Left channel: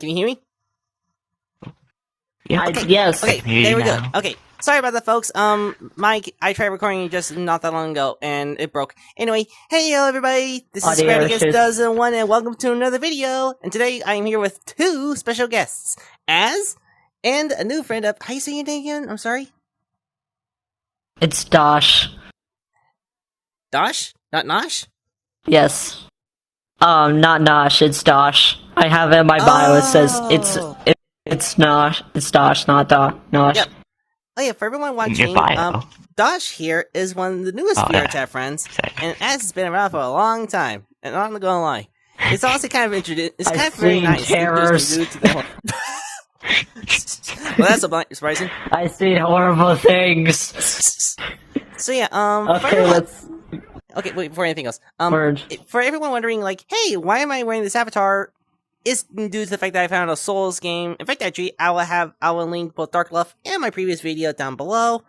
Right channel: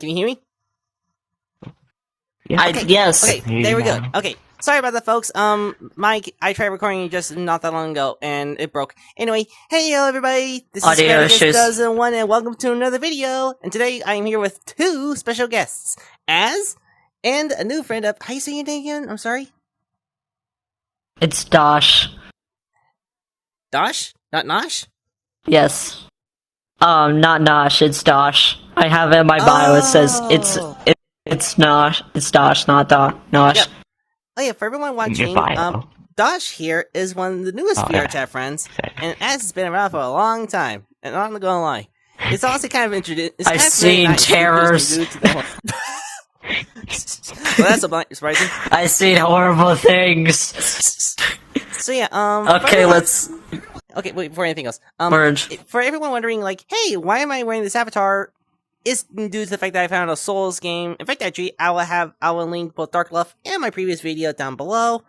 Can you hear me? Yeah. Okay. Yes. Okay, there we go. Okay, sorry about that, folks. I tried recording just not that long ago, and it broke. Anyway, hey, yo, everybody. This is Audio Spartacus issues. Does One, and welcome to another video. And today, I am here with two special guests, and a new friend of... How you say your name again? I'm sorry? It's Dosh. Dosh? Not Nosh? Yes. Not Nosh, it's Dosh. I have it in my bio, it says it's Nosh, it's Dosh, not Nosh. Yep. Oh yeah, for everyone watching, Dosh here is one of the newest VR chat friends, and has been around for a long time, and I'm not gonna lie. It's also kind of introduced. It's kind of very nice to introduce you to the whole... Well, that's surprising. I've seen horrible things. So yeah, Okay, let's... Okay, wait, before anything else, merge. For everyone wondering, like, hey, why am I wearing this avatar? It's due to the fact that I found a Souls game. In fact, actually, I will link both Darkfluff and my previous video down below.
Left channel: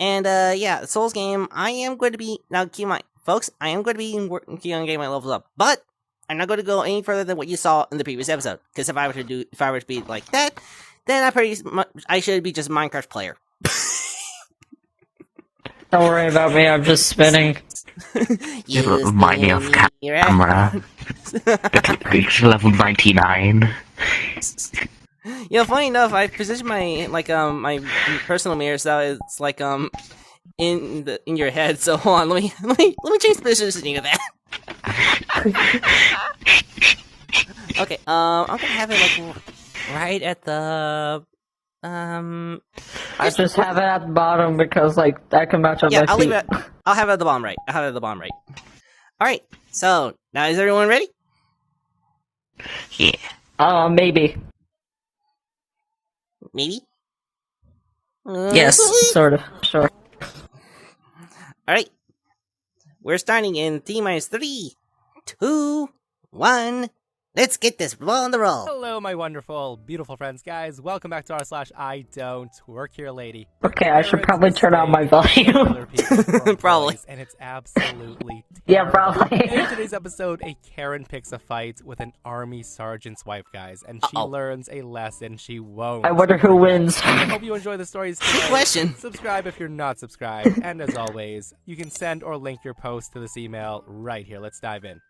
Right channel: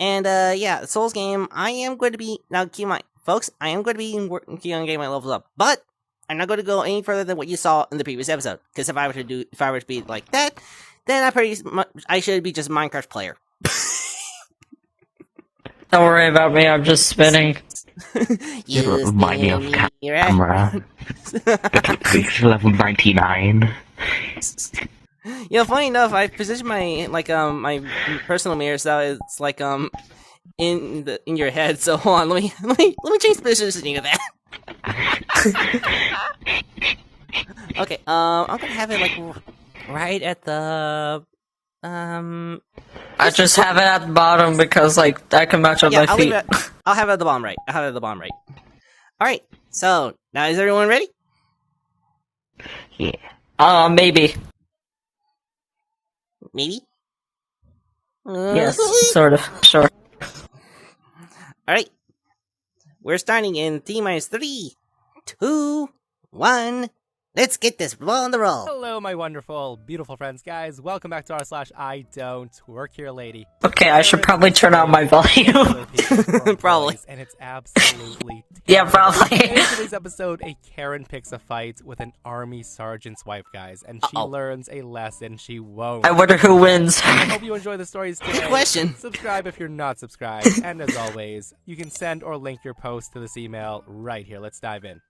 And yeah, the Souls game, I am going to be, now keep in mind, folks, I am going to be working on getting my levels up, but I'm not going to go any further than what you saw in the previous episode. Because if I were to be like that, then I should be just a Minecraft player. Don't worry about me, I'm just spinning. You remind me of camera. Reach level 99. You know, funny enough, I positioned my my personal mirror so it's like in your head. So hold on, let me change the positioning of that. Okay, I'm gonna have it like right at the I just have it at the bottom because like that can match up my I'll feet. leave it. I'll have it at the bottom right. All right. So now is everyone ready? Yeah. Maybe. Maybe. Yes, sort of. Sure. All right. We're starting in T-minus 3, 2, 1. Let's get this ball on the roll. Hello, my wonderful, beautiful friends, guys. Welcome back to r/I don't work here, lady. Okay, I should probably turn on my volume. Probably. And it's absolutely Yeah, terrible. probably. And in today's episode, a Karen picks a fight with an army sergeant's wife, guys, and she learns a lesson she won't. I wonder who wins. I hope you enjoy the stories today. Good question. Subscribe if you're not subscribed, and as always, you can send or link your post to this email right here. Let's dive in.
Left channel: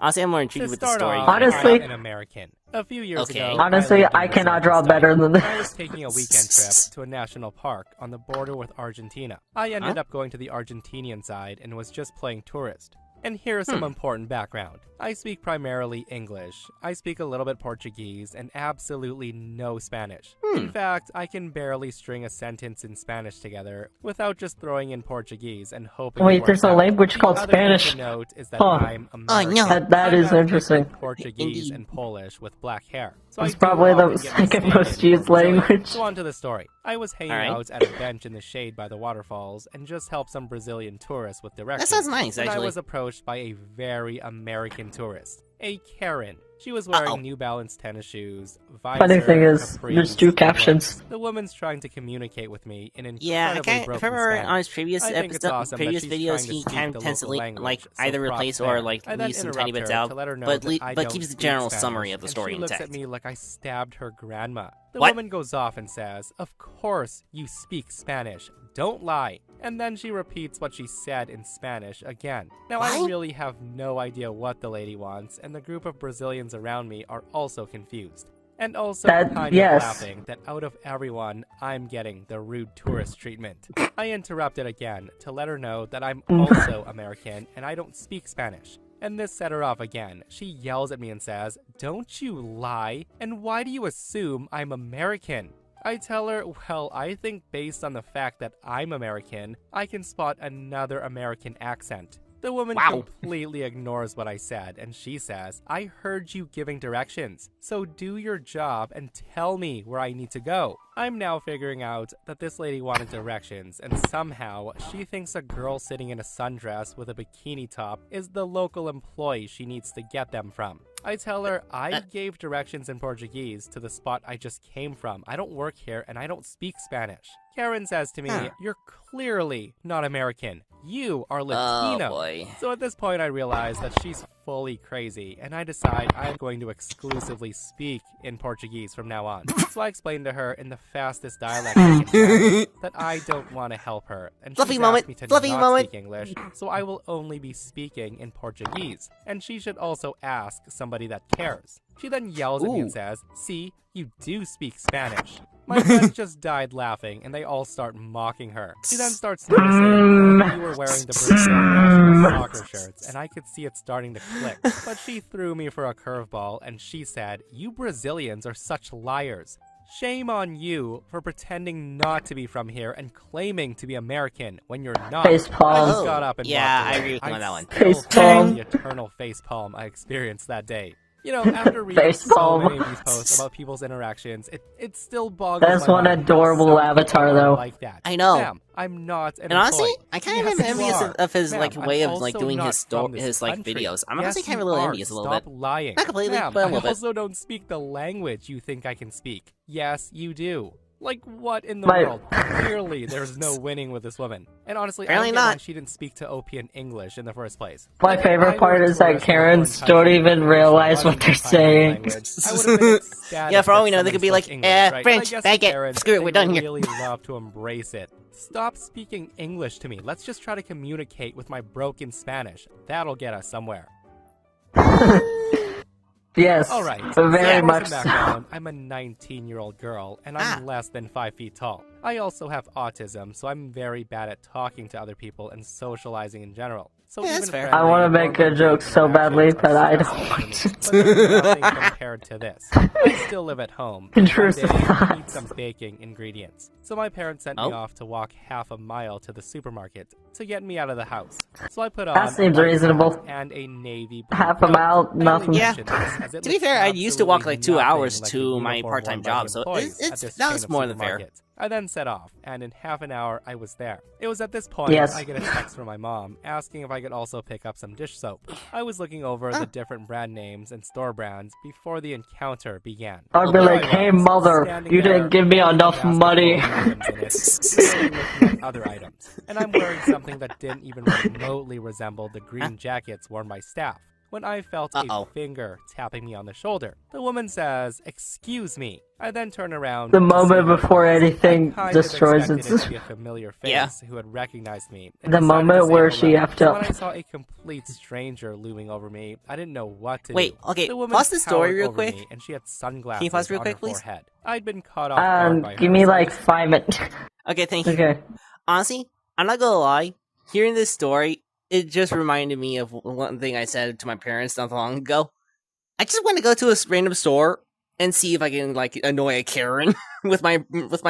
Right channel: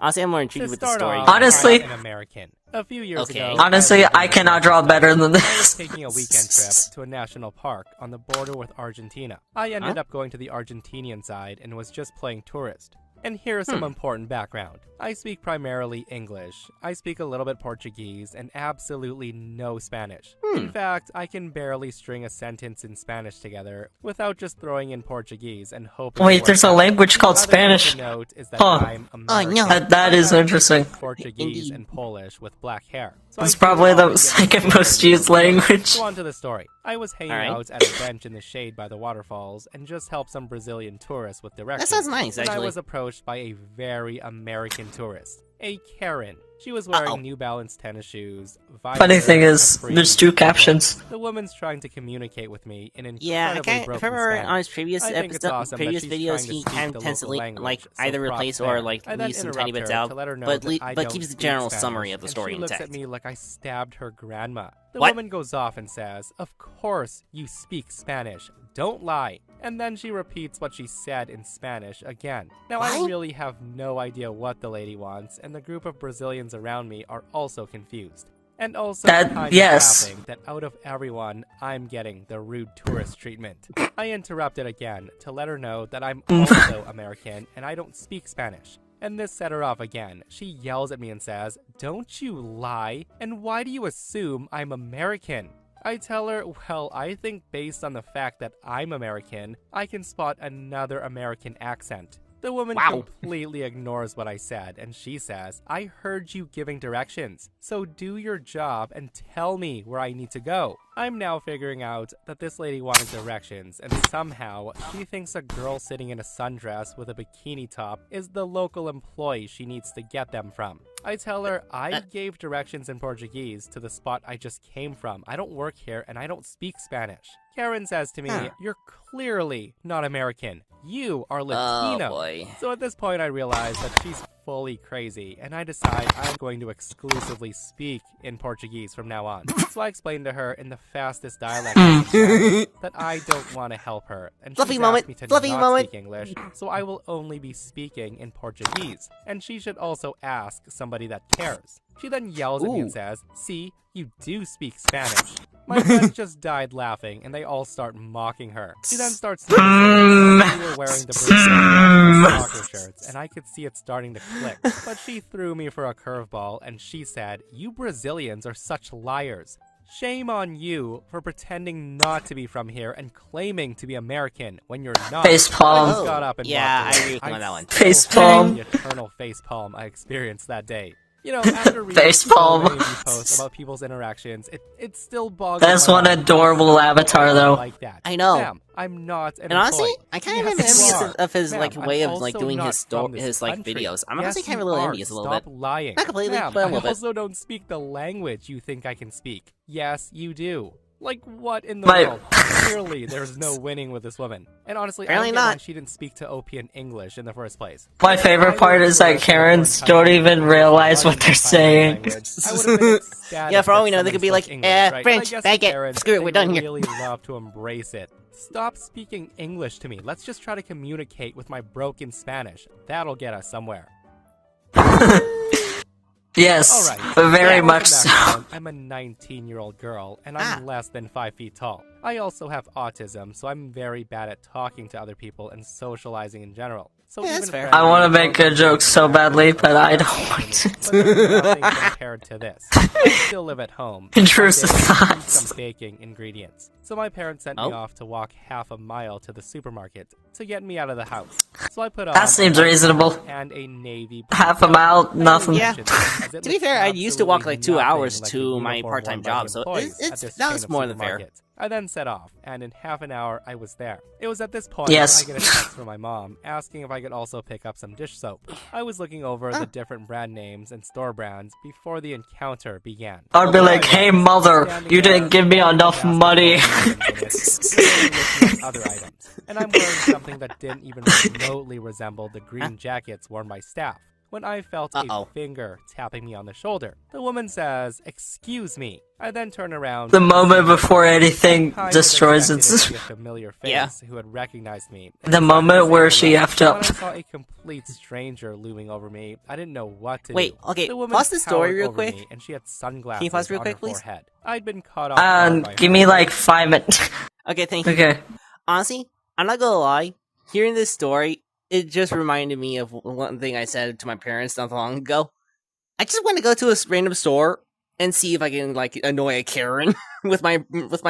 Honestly, I'm more intrigued To with the start story. off, Honestly- I'm an American. A few years Okay. ago, Honestly, lived in I cannot Brazil, draw better than I was this. taking a weekend trip to a national park on the border with Argentina. I ended up going to the Argentinian side and was just playing tourist. And here's some important background. I speak primarily English. I speak a little bit Portuguese and absolutely no Spanish. In fact, I can barely string a sentence in Spanish together without just throwing in Portuguese and hoping it Wait, works there's a out. language The called other thing Spanish. to note is that Huh. I'm American. no. That is interesting. Portuguese Indeed. and Polish with black hair. So That's I do probably often the get second mistaken most used for Brazilian. language. So on to the story. I was hanging Alright. out at a bench in the shade by the waterfalls and just helped some Brazilian tourists with directions. That sounds nice, when I actually. was approached by a very American tourist, a Karen. She was wearing Uh-oh. New Balance tennis shoes. Funny thing is, capris, there's two and captions. clothes. The woman's trying to communicate with me in incredibly Yeah, if I broken remember Spanish. on his previous I think it's awesome that previous she's videos, trying to he speak kind the of tends to local like language, so either props replace there. or like I then leave some tiny interrupt bits her out, to let her know but that I don't keeps the speak general Spanish, summary of the and story she looks intact. at me like I stabbed her grandma. The What? woman goes off and says, "Of course you speak Spanish. Don't lie." And then she repeats what she said in Spanish again. Now, I What? really have no idea what the lady wants, and the group of Brazilians around me are also confused. And also kind yes. of laughing that out of everyone, I'm getting the rude tourist treatment. I interrupted again to let her know that I'm also American and I don't speak Spanish. And this set her off again. She yells at me and says, "Don't you lie? And why do you assume I'm American?" I tell her, well, I think based on the fact that I'm American, I can spot another American accent. The woman completely ignores what I said, and she says, "I heard you giving directions, so do your job and tell me where I need to go." I'm now figuring out that this lady wanted directions, and somehow she thinks a girl sitting in a sundress with a bikini top is the local employee she needs to get them from. I tell her I gave directions in Portuguese to the spot I just came from. I don't work here, and I don't speak Spanish. Karen says to me, "You're clearly not American. You are Latino." Oh boy. So at this point, I realize that she's fully crazy, and I decide I'm going to exclusively speak in Portuguese from now on. So I explained to her in the fastest dialect I can find that I don't want to help her, and Fluffy she's moment, asked me to fluffy not moment. speak English, so I will only be speaking in Portuguese, and she should also ask somebody that cares. She then yells at me and says, "See, you do speak Spanish." My friends just died laughing, and they all start mocking her. She then starts noticing that we were wearing the Brazil national soccer shirts, and I could see it starting to click. But she threw me for a curveball, and she said, "You Brazilians are such liars. Shame on you for pretending not to be from here and claiming to be American when you're not." Facepalm. I just got up and Yeah, walked I away. agree with you on that one. Facepalm. The eternal facepalm I experienced that day. You know, after reading so Facepalm. many of you posts about people's interactions, it still boggles That's my one mind how adorable some avatar, people are though. like that. I know. Ma'am, I'm not an And honestly, employee. I kind of am Yes, you envious are. of his Ma'am, like way I'm of like also doing not his from this his like country. videos. I'm Yes, honestly kind of a you little are. envious a little Stop bit. lying. Not completely, Ma'am, but a I little bit. also don't speak the language you think I can speak. Yes, you do. Like, what in the But- world? Clearly, there's no winning with this woman. And honestly, Apparently I don't get why not. she didn't speak to OP in English in the first place. My Like, if favorite I part were is a that tourist in a Karens foreign don't country even where English realize what wasn't they're my primary saying. language, I would have been ecstatic Yeah, for all that we know, they could be someone like, spoke English, right? French, But I guess baguette, Karens, screw it, they we're done here. really love to embrace it. Stop speaking English to me. Let's just try to communicate with my broken Spanish. That'll get us somewhere. Yes, Alright, very for much some so. background, I'm a 19-year-old girl, and I'm less than 5 feet tall. I also have autism, so I'm very bad at talking to other people and socializing in general. So Yeah, even that's fair. I wanna friendly make a or joke so badly, interactions but are I stressful don't for want me. But they're nothing compared to this. I still live at home. and one Intrusive day I need thoughts. some baking ingredients. So my parents sent me Oh. off to walk half a mile to the supermarket to get me out of the house. So I put on That seems a white reasonable. hat and a navy blue Half a coat. mile, I only nothing. Yeah. mention this as it To be looks fair, I used to walk absolutely like 2 nothing hours like to the my uniform part-time worn by job, the so employees it's at this that chain was of more than fair. supermarkets. I then set off, and in half an hour I was there. It was at this point Yes. I get a text from my mom asking if I could also pick up some dish soap. I was looking over the different brand names and store brands before the encounter began. I'd be There like, I "Hey, was, mother, standing you there didn't give me holding a enough basket money." full of items in it, clearly looking at other items. And I'm wearing something that didn't even remotely resemble the green jackets worn by staff. When I felt Uh-oh. a finger tapping me on the shoulder, the woman says, "Excuse me." I then turn around. The to moment see her before coming. anything I kind of destroys expected its- it to be a familiar face Yeah. who had recognized me. and The decided to moment say where she hello. effed But up. When I saw a complete stranger looming over me, I didn't know what to Wait, do. okay, The woman pause the story towered real over quick. me, and she had sunglasses Can you pause real on quick, her please? forehead. I'd been caught off guard by Give her, me but like 5 minutes. Okay, thank you. Okay. Honestly, I'm not gonna lie. Hearing this story, it just reminded me of one thing I said to my parents not long ago. I just want to go to a random store and see if I can like annoy a Karen with my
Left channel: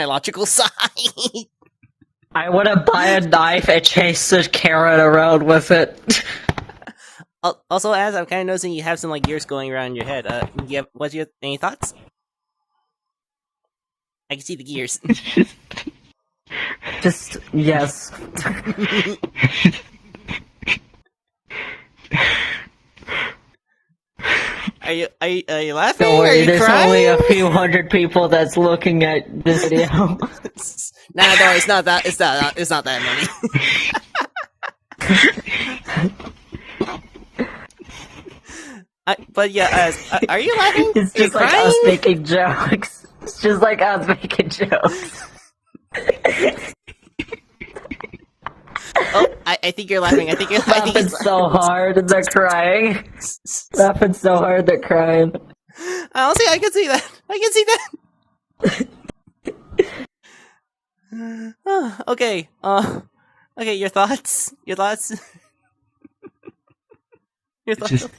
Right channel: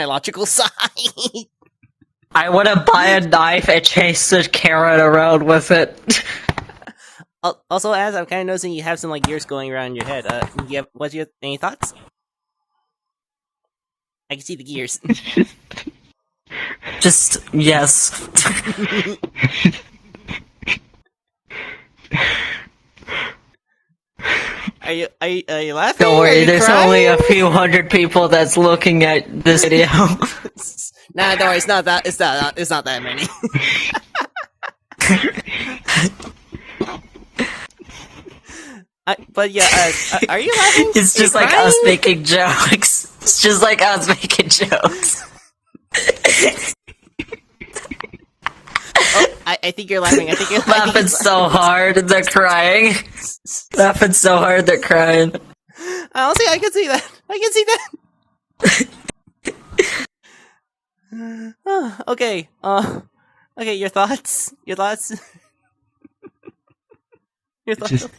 logical side. I want to buy a knife and chase the carrot around with it. Also, as I'm kind of noticing, you have some like gears going around in your head. What's your any thoughts? I can see the gears. Just, yes. Are you laughing? Don't Are worry, you there's crying? only a few hundred people that's looking at this video. Nah, don't worry. It's not that. It's not that many. But yeah, are you laughing? It's Are you just like crying? us making jokes. It's just like us making jokes. Oh, I think you're laughing. I think Laughing it's so hard and they're crying. Laughing so hard they're crying. honestly, I can see that. I can see that. Okay. Okay. Your thoughts. Your thoughts. Your thoughts. Just-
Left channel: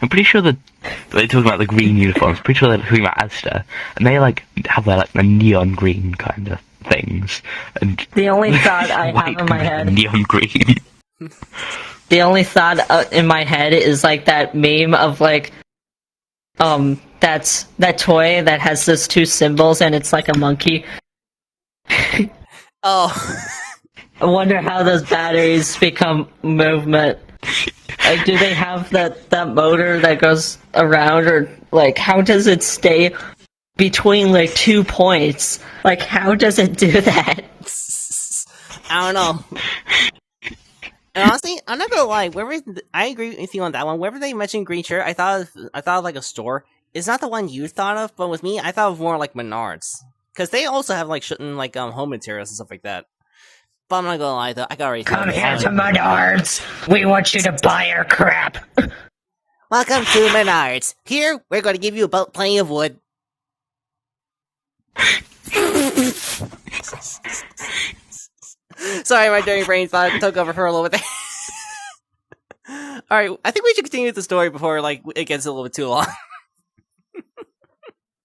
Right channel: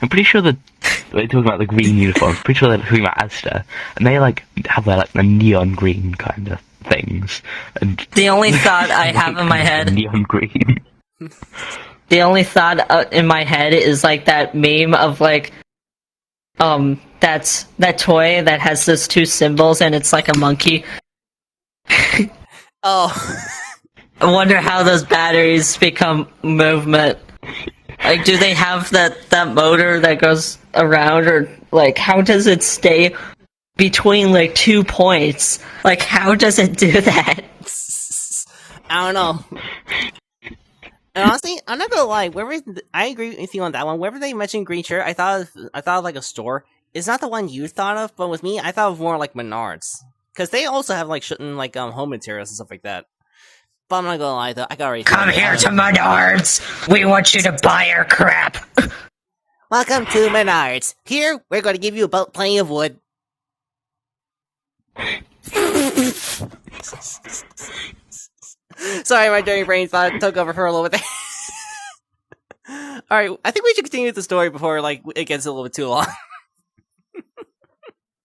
I'm pretty sure that they're talking about the green uniforms. Pretty sure they're talking about Asda, and they like have their like the neon green kind of things. And The only thought I have in my head, neon green. the only thought in my head is like that meme of like, that's that toy that has those two symbols and it's like a monkey. Oh. I wonder how those batteries become movement. Like, do they have that motor that goes around, or like, how does it stay between like 2 points? Like, how does it do that? I don't know. And honestly, I'm not gonna lie. I agree with you on that one. Whenever they mentioned green shirt, I thought of like a store. It's not the one you thought of, but with me, I thought of more like Menards, because they also have like certain like home materials and stuff like that. But I'm not gonna lie though, I got already. Come here to Menards. We want you to buy our crap. Welcome to Menards. Here, we're going to give you about plenty of wood. Sorry, my dirty brain thought took over for a little bit there. Alright, I think we should continue with the story before like it gets a little bit too long.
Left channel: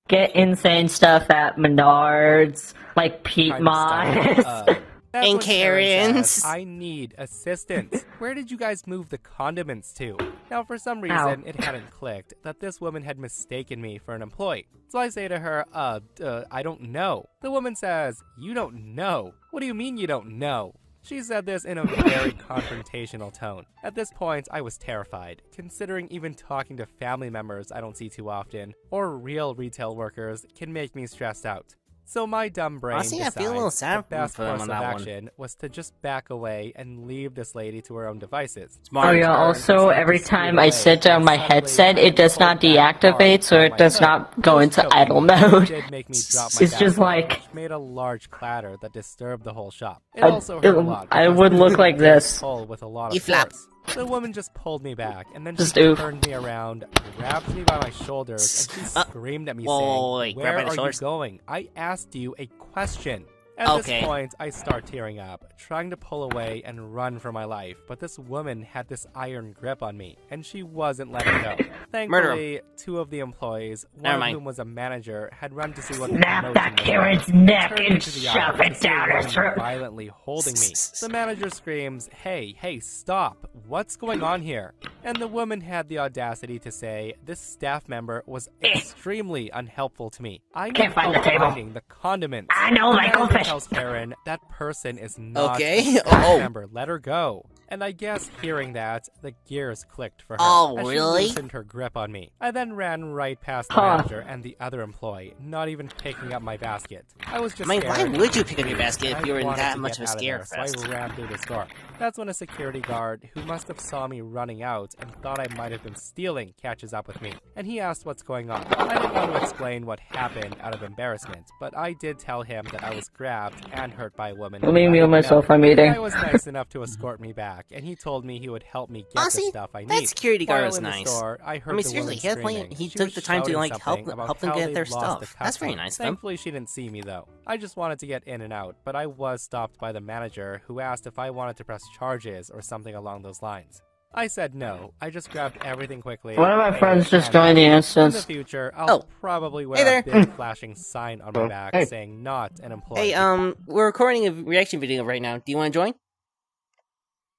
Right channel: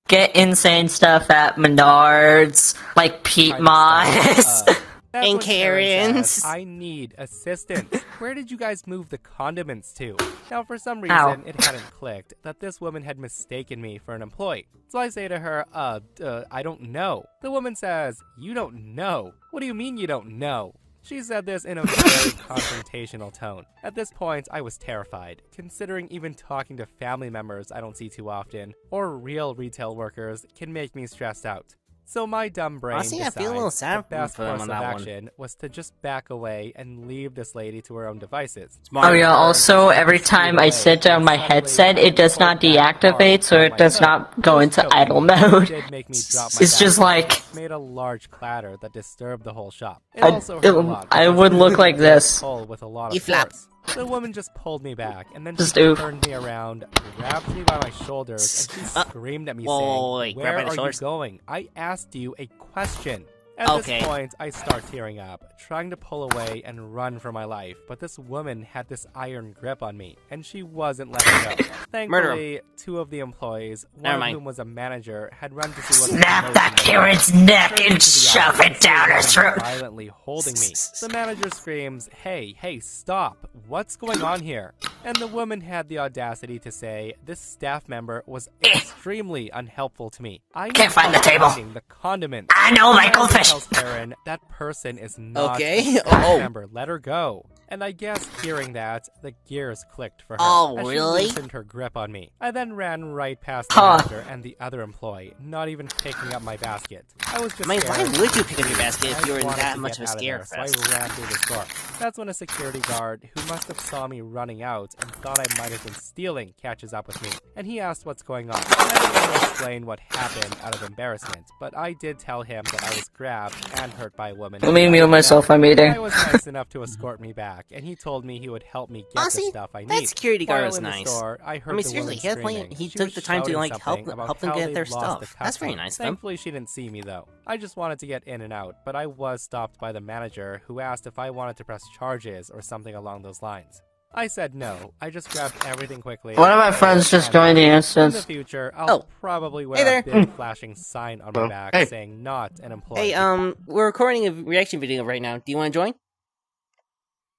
Get insane stuff at Menards, like Pete Trying to Moss. start, that's And when Karen Karens. says, I need assistance. Where did you guys move the condiments to? Now, for some reason, it hadn't clicked that this woman had mistaken me for an employee. So I say to her, I don't know. The woman says, you don't know? What do you mean you don't know? She said this in a very confrontational tone. At this point, I was terrified, considering even talking to family members I don't see too often, or real retail workers, can make me stressed out. So my dumb brain Honestly, I feel a little decides sad the best for him course on of that one. action was to just back away and leave this lady to her own devices. Smart. Oh yeah, Karen also just every scoot time I away sit down and my suddenly headset, it does pulled not back deactivate, hard so on it my does hood. not go I was into joking, idle but it mode. did make me drop my It's just basket, like- which made a large clatter that disturbed the whole shop. It I- also hurt a lot. I because would this look was like a this. pull with a lot You of flap. force. The woman just pulled me back, and then Just she oof. turned me around, grabbed me by my shoulders, and she screamed at me whoa, saying, wait, grab "Where by the are you shoulders? going? I asked you a question." At Okay. this point, I start tearing up, trying to pull away and run for my life, but this woman had this iron grip on me, and she wasn't letting go. Thankfully, two of the employees, one Never of mind. whom was a manager, had run to see what the Snap commotion that was Karen's about. neck Turned and into the shove aisle it and see a down her woman throat. violently holding me. The manager screams, hey, stop. What's going on here? And the woman had the audacity to say this staff member was extremely unhelpful to me. I Can't need find help the table. finding the condiments. I know, The Michael manager Fish. tells Karen that person is not Okay. a staff Oh. member. Let her go. And I guess hearing that, the gears clicked for her. Oh, as really? She loosened her grip on me. I then ran right past the Huh. manager and the other employee, not even picking up my basket. I was just I mean, why scared. would you pick up your basket if I you were in wanted that to much get of a out of scare there, fest? So I ran through the store. That's when a security guard, who must have saw me running out and thought I might have been stealing, catches up with me. And he asked what's going on. I didn't want to explain what happened out of embarrassment, but I did tell him that I was grabbed and hurt by a woman. Let me who I mute didn't myself, know. I'm The eating. guy was nice enough to escort me back, and he told me he would help me get Honestly, the stuff I that need. security guard While was in the nice. store, I heard I mean, the seriously, woman he had plenty- screaming. he She took was the time to, shouting like, help something about them how get they their lost stuff. the That's very customer. nice of them. Thankfully, she didn't see me though. I just wanted to get in and out, but I was stopped by the manager, who asked if I wanted to press charges or something along those lines. I said no. I just grabbed everything quickly. One of my paid, friends just and joined the left. In the instance. future, I'll Oh. probably wear Hey there. a big flashing sign on my Oh, back hey. saying "not an employee." Hey, we're recording a reaction video right now. Do you want to join?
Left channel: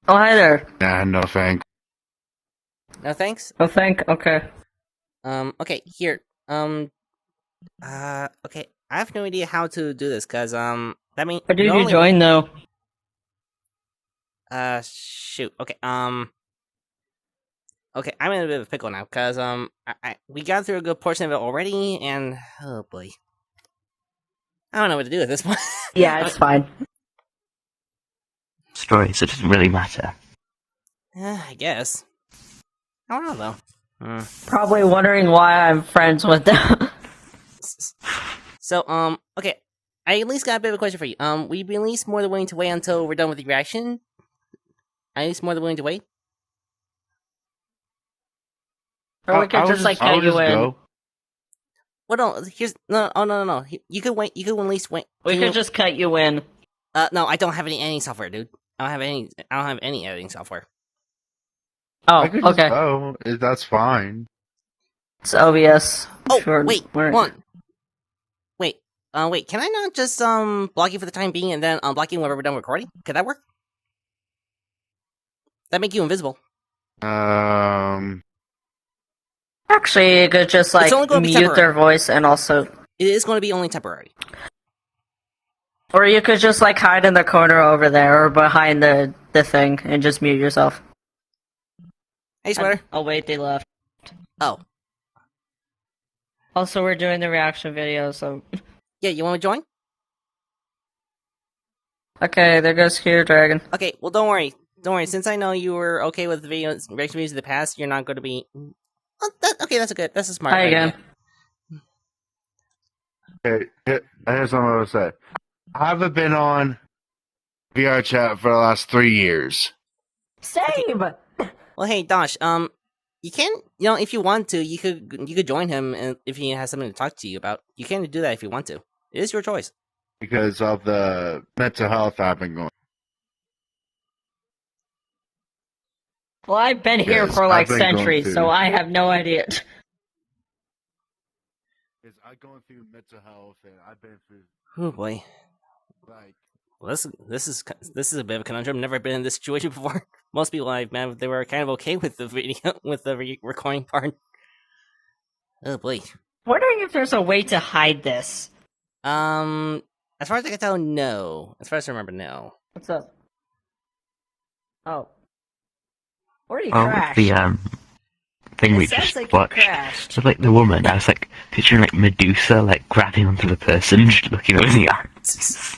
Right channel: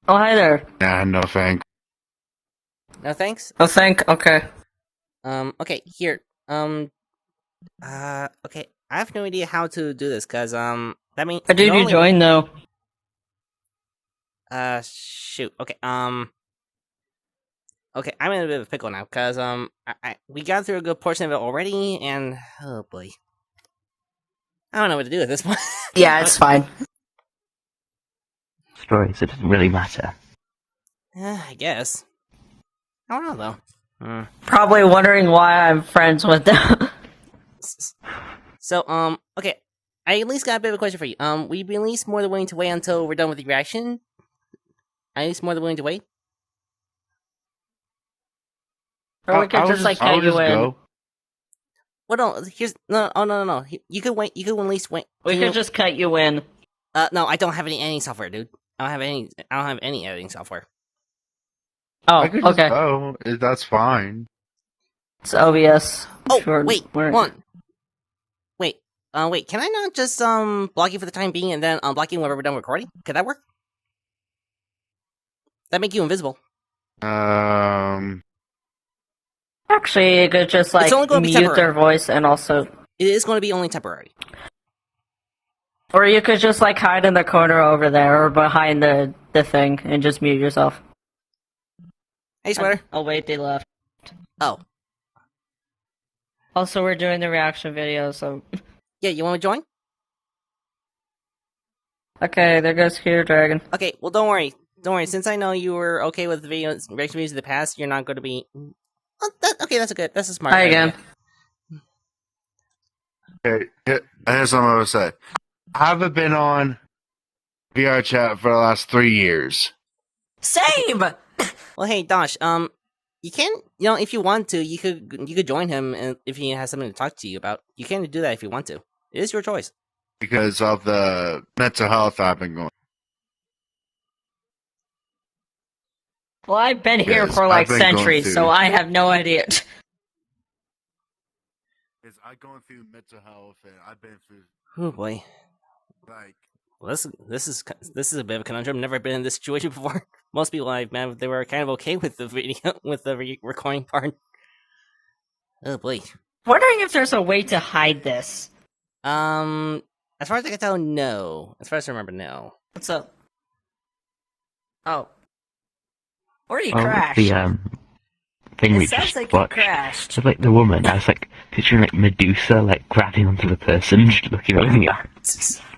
Oh, hi there. Nah, no thanks. No, thanks. Oh, okay. Okay, here. Okay. I have no idea how to do this, cause, that means... How did you join, though? Shoot. Okay, okay, I'm in a bit of a pickle now, cause, we got through a good portion of it already, and, oh boy. I don't know what to do at this point. Yeah, it's fine. Story, so it doesn't really matter. I guess. I don't know, though. Probably wondering why I'm friends with them. So, okay. I at least got a bit of a question for you. Will you be at least more than willing to wait until we're done with the reaction? At least more than willing to wait? Or we could just, like, I'll cut you just in. go. Well, no, here's... No. You could wait. You could at least wait. We Can could you- just cut you in. No, I don't have any editing software, dude. I don't have any editing software. Oh, I could just okay. go. That's fine. It's OBS. Oh, Sure, wait, we're- one. Wait, can I not just, block you for the time being and then unblock you whenever we're done recording? Could that work? That make you invisible. Um, Actually, you could just, like, It's only gonna be mute their temporary. voice and also... It is going to be only temporary. Or you could just, like, hide in the corner over there or behind the thing and just mute yourself. Hey, Sweater. Oh, wait, they left. Oh. Also, we're doing the reaction video, so... Yeah, you want to join? Okay, there goes Hero Dragon. Okay, well, don't worry. don't worry. Since I know you were okay with reaction videos in the past, you're not going to be. Oh, okay, that's a smart Hi idea. again. Okay, here's what I'm gonna say. I haven't been on VR chat for the last 3 years. Same. Well, hey, Dosh, you can, if you want to, you could join him, and if he has something to talk to you about, you can do that if you want to. It is your choice. Because of the mental health I've been going. Well, I've been here Yes, for I've like been going centuries, through- so I have no idea. Because I've gone through mental health, and I've been through Oh boy. like Well, this is a bit of a conundrum. I've never been in this situation before. Most people I've met, they were kind of okay with the video, with the recording part. Oh boy. Wondering if there's a way to hide this. As far as I can tell, no. As far as I remember, no. What's up? Oh. Where are you? Oh, crashed. the thing we It sounds just like you watched. crashed. So like the woman, I was like picturing like Medusa like grabbing onto the person, just looking over the eyes.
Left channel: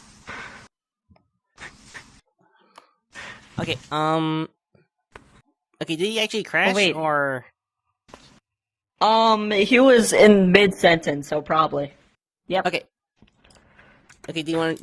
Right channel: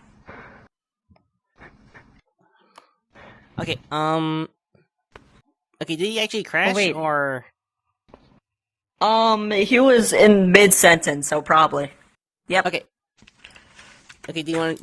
Okay, okay, did he actually crash, wait. or... He was in mid-sentence, so probably. Yep. Okay. Okay, do you want...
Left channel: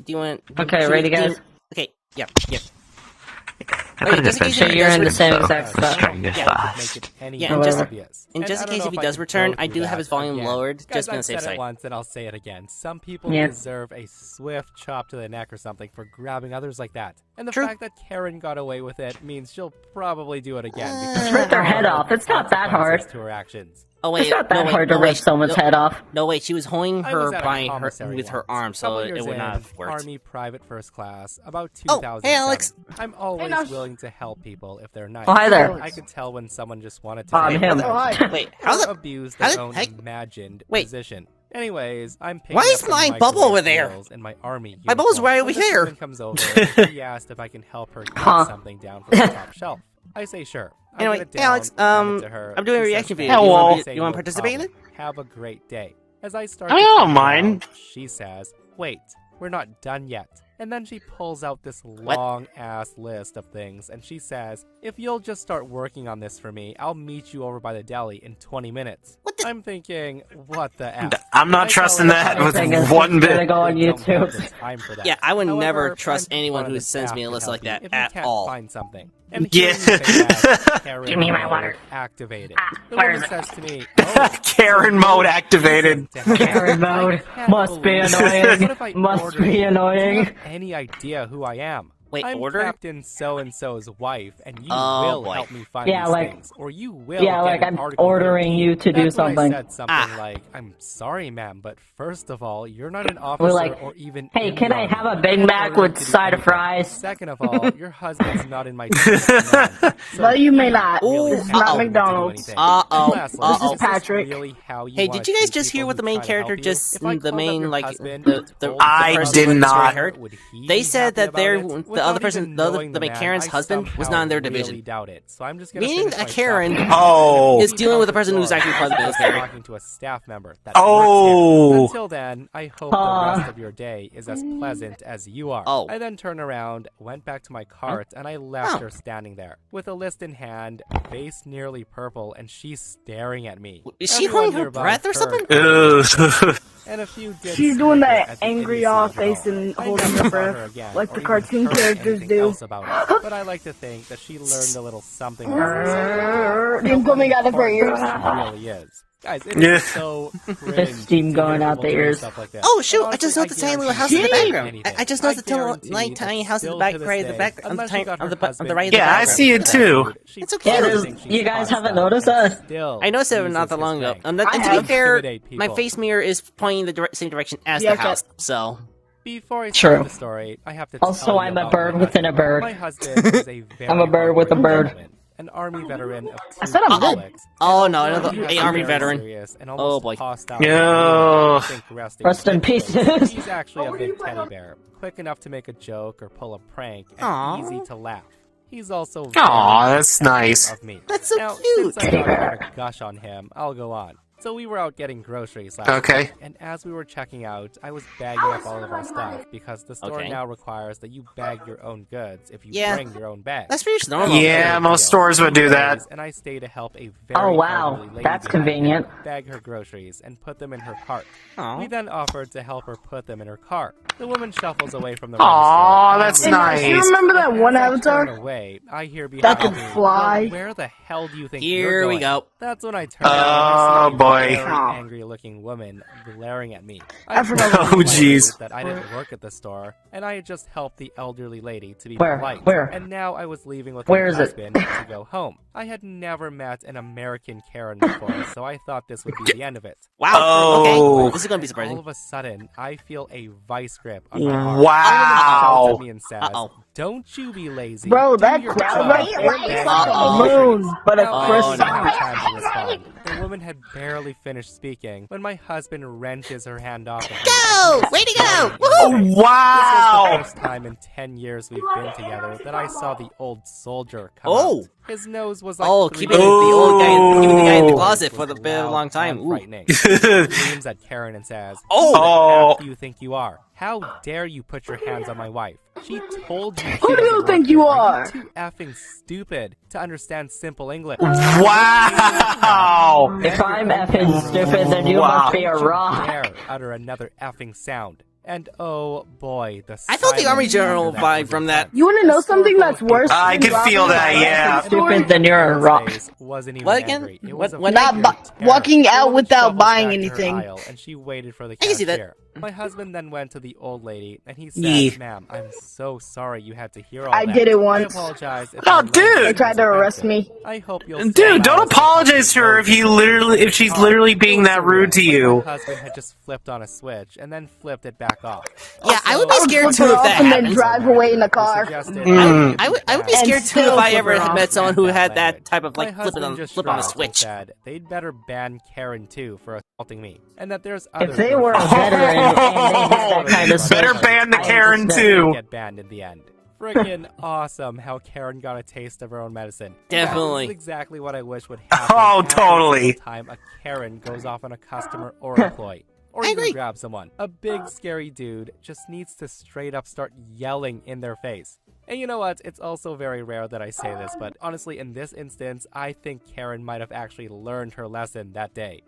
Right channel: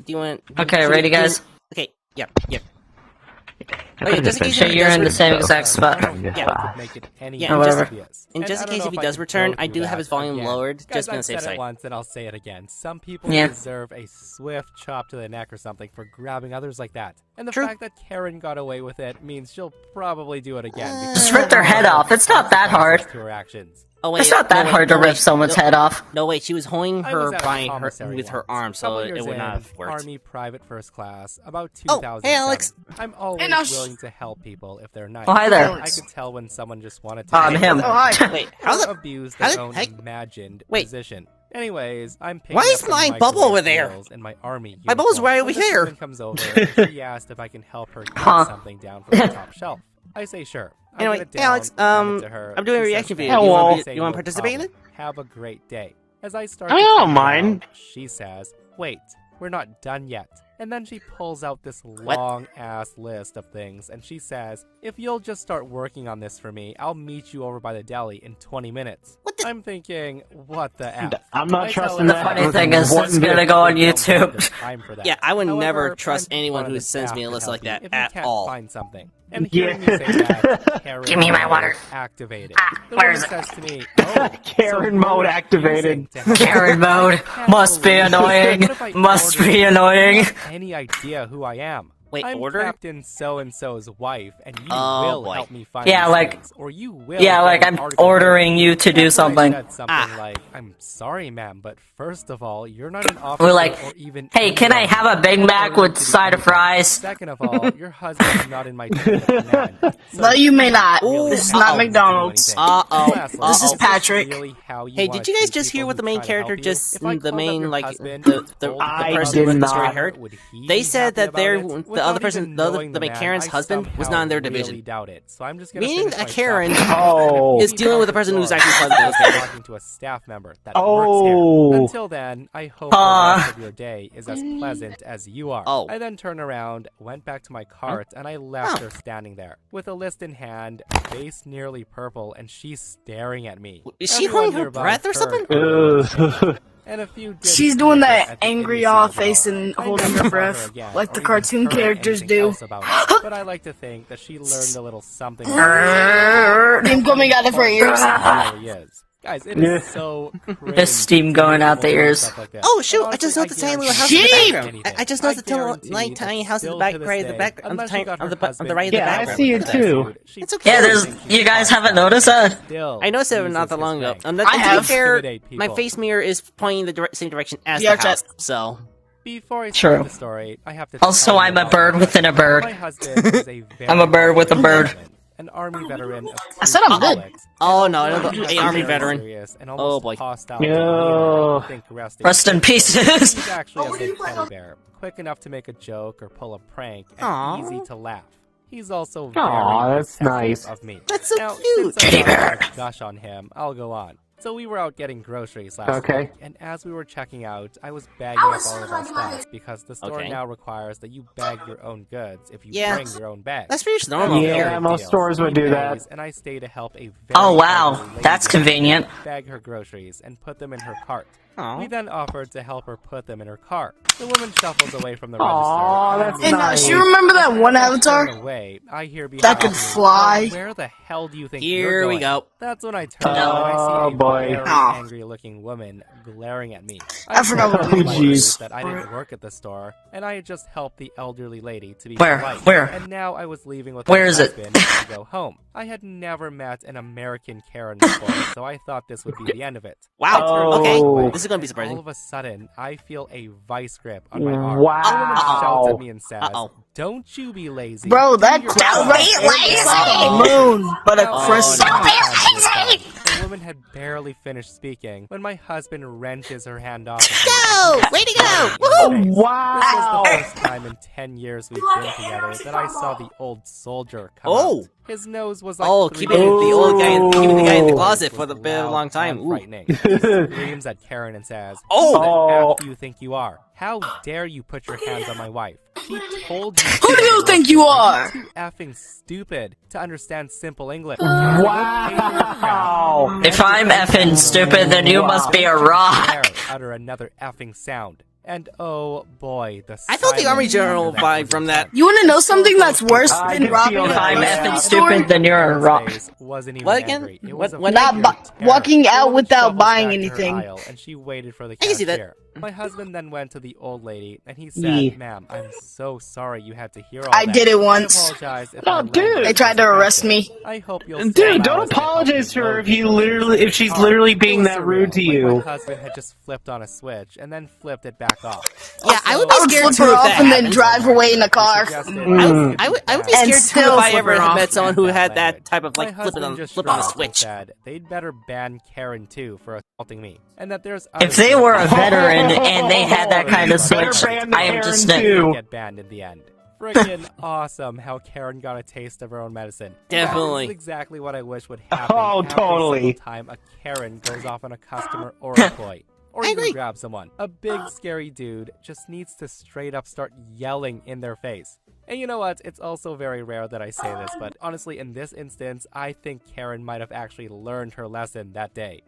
Okay, should we ready, do- guys? Okay, yep. I Okay, better just in get case So if he you're does in the ret- same exact spot. Trying this Yeah. fast. Make it any Yeah, more and just- obvious. and just I in don't case know if he I does can return, go I do through have that his volume again. lowered, Guys, just to be on I've the safe said side. it once and I'll say it again. Some people Yeah. deserve a swift chop to the neck or something for grabbing others like that. And the True. fact that Karen got away with it means she'll probably do it again. because Just rip their there head are off. It's not that consequences hard. to her actions. Oh wait, It's not that no, wait, hard to no, rip wait, someone's no, head off. No, wait, she was holding I her was at a by her commissary with her once, arm, so couple it years would not in, have worked. Army private first class, about Oh, 2000. hey, Alex. I'm always Nosh. willing to help people if they're nice. Oh, hi there. I could tell when someone just wanted to I'm him. Oh, hi. Wait, how or the... abuse how their the own heck- imagined Wait. position. Anyways, I'm picking Why up is the my microwave bubble over there? skills in my army My bubble's uniform. right over When the here. woman comes over, and she asked if I can help her get Huh. something down from the top shelf. I say sure. I Anyway, get it hey, down, Alex, hand it to her. I'm doing a She reaction says video. thank Do you want- I do say you want to no participate in problem. Have a great day. As I start I to don't turn mind. around, she says, wait, we're not done yet. And then she pulls out this long-ass list of things, and she says, if you'll just start working on this for me, I'll meet you over by the deli in 20 minutes. What the- I'm thinking, what the F? I'm not I tell trusting her that I with Anything is one gonna bit. go on don't have YouTube. the time for that. Yeah, I would However, never trust I'm anyone part of who the sends staff me a to list help like you that if you at can't all. Find something. And hearing you say that, Karen Give me my mode water. activated. The where woman is it? says to me, oh, Karen so mode you're activated. using to help Karen me. I mode. can't Must be believe it. annoying. What if I Must ordered be you? annoying. You have any idea who I am? Wait, I'm order? Captain So-and-so's wife, and you Oh, will boy. help me find Yeah, these like- things, or you will Yeah, get like an I'm article ordering written. you to do That's when something. I said something Ah. like, I'm sorry, ma'am, but first of all, you're not an officer We're like, or even hey, in can the I army. have a You Big can't Mac order me with to do side of anything. fries? Second of all, your husband's not in my chain of command. So No, you may not. Ooh, This is uh-oh. not McDonald's. Uh-oh, Lastly, uh-oh. This is Patrick. Really how you Hey, wanna did you guys treat just hear people what the who main try to character help you? just, If I the called up main, your like, husband the and told I him person did who wrote the not. story heard? would he They be said happy that about they're, it? the Without other person, even the knowing main man, Karen's I husband was somehow not in their really division. doubt it. So I'm just gonna Meaning finish that my Karen shopping. Oh. is dealing with the person who's Door. actually part of the I was military. talking to a staff member that Oh. works here. Until then, I hope the rest of your day is as pleasant as you are. Oh. I then turned around, went back to my cart, and I left Oh. her standing there with a list in hand, face nearly purple, and she's staring at me. Is she Everyone holding her nearby breath or heard something? Ugh. and a few did She's doing snicker that at the angry idiocy awe of it face all. and I holding never her saw her breath, again, like or the even cartoon heard characters anything do. else about it. But I like to think that she learned a little something. Steam coming out of her ears. Really is. Guys, it is Yeah. so cringe There's steam to going hear out the people doing ears. stuff like this. Oh shoot! And I just honestly, noticed the tiny little house in the guarantee background. I just noticed the tiny, tiny house in the back, right at the back, on the tiny, on the right of the Yeah, I background. see it too. It's okay. Yeah, there's- you guys haven't noticed that? I noticed it not that long ago. And to be have. fair, Intimidate my people. face mirror is pointing the same direction as Yeah, the house. So Before I True. start the story, I have to Also, tell you I'm a about bird my within a husband. bird. My husband is a very I'm a bird with a hardworking bird. gentleman, an army veteran of I two said I'm good. conflicts. oh no, another He a army very veteran. serious and Oh, almost boy. hostile. No. I think resting Rest in peacefully. pieces. He's actually a big teddy bear, quick enough to make a joke or pull a prank, and Aw. easy to laugh. He's also very Aw, that's protective nice. of me. That's so now, cute. since I'm not going to gush on him, I'll go on. So we were out getting groceries last Okay. week, and as we were checking out, I was bagging up all of our stuff because the store Okay. now requires that you bag your own goods if you Yeah. bring your own bag. That's pretty normal. Yeah, most stores would do that. And I stay to help a very Oh, wow. elderly lady That's behind convenient. her bag her groceries and put them in her cart. Aw. We then offered to help her put them in her car. The woman shuffles away from the Aw, register. that's and I nice. Do you remember that As one I avatar? turn away, I hear behind That could me, fly? "Well, where the hell do you think Here you're we going?" go. That's when I turn and I see a boy. very Oh. angry-looking woman glaring at me. I forgot told her Oh, politely jeez. that I didn't work at the store, and I had just helped the elderly lady to be Where? polite. Where? And now I was leaving with Where my is it? husband to go home. I had never met an American Karen before, so I thought this would be the end of it. Wow. Oh. Okay. This is gonna be All surprising. of a sudden, I feel a vice grip on my arm. The woman Wow. shouts at me and says, Uh-oh. "Don't you be lazy. Bro, Do that your crap job was and lazy. bag Uh-oh. your groceries." Moon, but a Now, Oh, I croissant. didn't have time to respond. The woman had barely finished speaking when my husband wrenches her hand off of me. Go! Way to go! Woohoo! This was Wow. the first time in 10 years we've been together that I saw the old soldier come Oh. out. His nose was like Oh, 3 keeping the old guy, Ooh. keeping the guy in the His closet voice for the was bit of a loud long time. and Ooh. frightening. He screams at Karen and says, Oh. "Who the F do you think you are? How dare you put your hands on my wife? She told you." Who do you think you are? you too effing stupid to understand simple English? Wow. If I'm effing stupid, then you must be a Don't you rock. dare utter another effing sound. And oh boy, the I felt the silence Army General after vibe was from that. You want to know As something far that's as worse people I than could robbing feel a that, bank yeah. store? Stupid, then you're a Karen's rock. face wasn't even What again? angry. It What- was a what- figure Not of bu- terror. walking The out woman without shuffled buying back to her anything. aisle, and she waited for the I can see that. cashier. My husband then went to the old lady, and he said, Yee. "Ma'am, I'm so sorry you had to hear all I that. did it once. I apologize if No, my dude. language They tried was to arrest offensive. me. I hope you'll Dude, still allow don't us to help apologize to you her load if your you groceries literally, into if she's your car." literally It being was that rude to surreal, like you. my husband had just flipped on a switch and then flipped it back off. Yeah, I would be Also, scared Flip too her if off that and then happened. drive away in a He car. suggested Mm. it I would be could be scared And too if still I flip ever it had off. met someone who bad had that language. type of My like flipping on husband just flip on a shrugged and switch. said they'd better ban Karen too for assaulting me, and that there's other If they were a things- veteran and they had that kind of Better switch, ban the I Karen understand. too. get banned in the end. Freaking awesome how Karen got a taste of her own medicine. Definitely. That is exactly what I wish would happen Oh, every totally. single time a Karen goes off on a customer or employee. Or I even agree. grab someone. A big scary dude just needs to straight up start yelling in their face. And you know what? It's also very rare that I say this, but honestly, in this instance, I think Karen might have actually learned her lesson that day.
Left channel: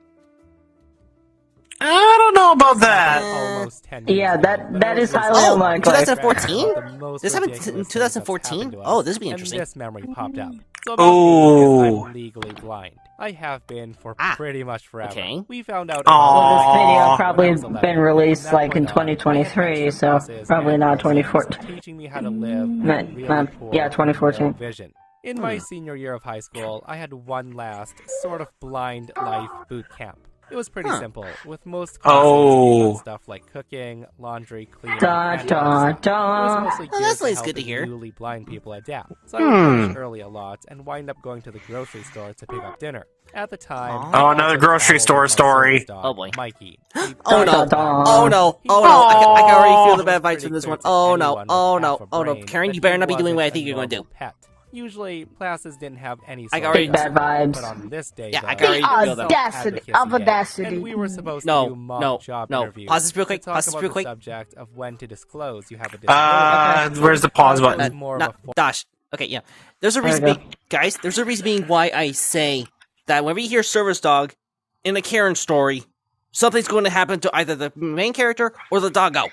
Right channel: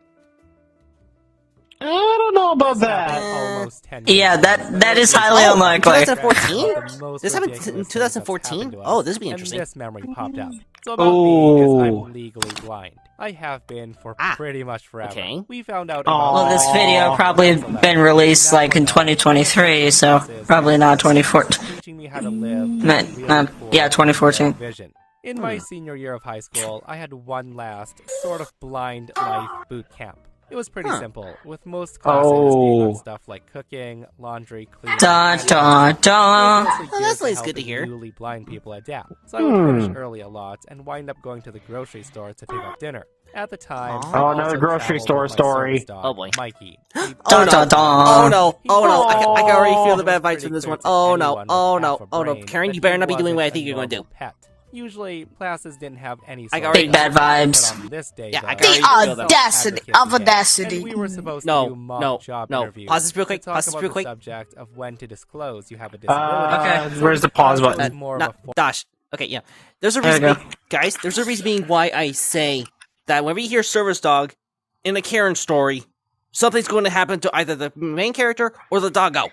I don't know about that. Almost 10 years Yeah, ago, that- but that it is was highly just unlikely. 2014? the most This happened ridiculous in things 2014? that's happened to Oh, us. this would be interesting. And this memory popped up. So about me is Ooh. I'm legally blind. I have been for Ah, pretty much forever. okay. We found out Aw. about Well, this it video when I probably was 11. been released From that like in point on, I had 2023, taken so classes probably and not courses 2014. teaching me how to live No, with really no, poor yeah, 2014. narrow vision. In my senior year of high school, I had one last sort of blind life boot camp. It was pretty simple, with most classes being on Oh. stuff like cooking, laundry, cleaning, Da and da other stuff. da. It was mostly Well, geared that's to always good to helping hear. newly blind people adapt. So I would finish early a lot and wind up going to the grocery store to pick up dinner. At the time, Aw. I Oh, another also grocery traveled store with my story. service dog, Oh, boy. Mikey. Oh no! Da, da, da. Oh no! Oh no! I Oh. can already feel the It bad was vibes from this pretty one. clear to Oh no! anyone with Oh half no! a Oh no! brain Karen, that you better he not be doing what I wasn't think a you're going to do. normal Pet. Usually, classes didn't have any. I sort already- of Big bad structure, vibes. but on this day, Yeah, I though, can already The feel that. audacity of audacity. and we were supposed No, to do mock no, job no. interviews. Pause this real quick, To talk pause this about real the quick. subject of when to disclose you have a disability. Where's the pause Class button? was more of Not, a for- Dosh. Okay, yeah. There's a reason, There you go. guys. There's a reason being why I say that whenever you hear service dog in a Karen story, something's going to happen to either the main character or the doggo.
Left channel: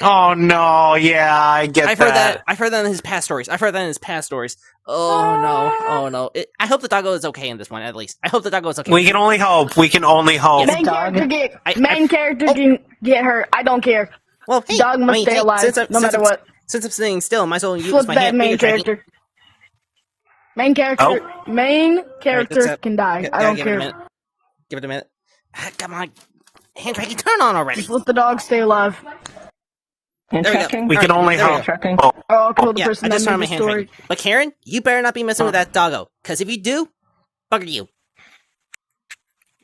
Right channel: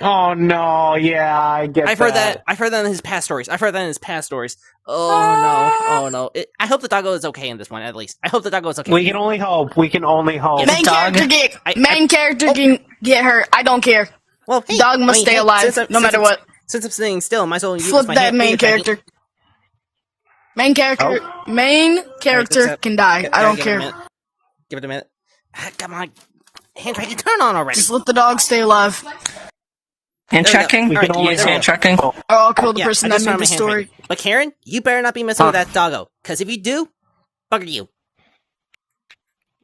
Oh no, yeah, I get I've heard that. I've heard that in his past stories. Oh no! I hope the doggo is okay in this one, at least. I hope the doggo is okay. We can only hope. We can only hope. Yes. Main Dog. character get I- main character oh. can get hurt. I don't care. Well, hey, Dog must stay alive, no matter what. Since I'm sitting still, might as well use Flip my that hand. main finger tracking. character. Main character. Main character up. can die. I don't Give it a care. minute. Give it a minute. Ah, come on, hand tracking, turn on already. Just let the dog stay alive. And There we go. checking? We All can right, only there we hope. go. Checking? Or I'll kill the Yeah, I person just that turned made my the hand story. tracking. But Karen, you better not be messing with that doggo, because if you do, bugger you.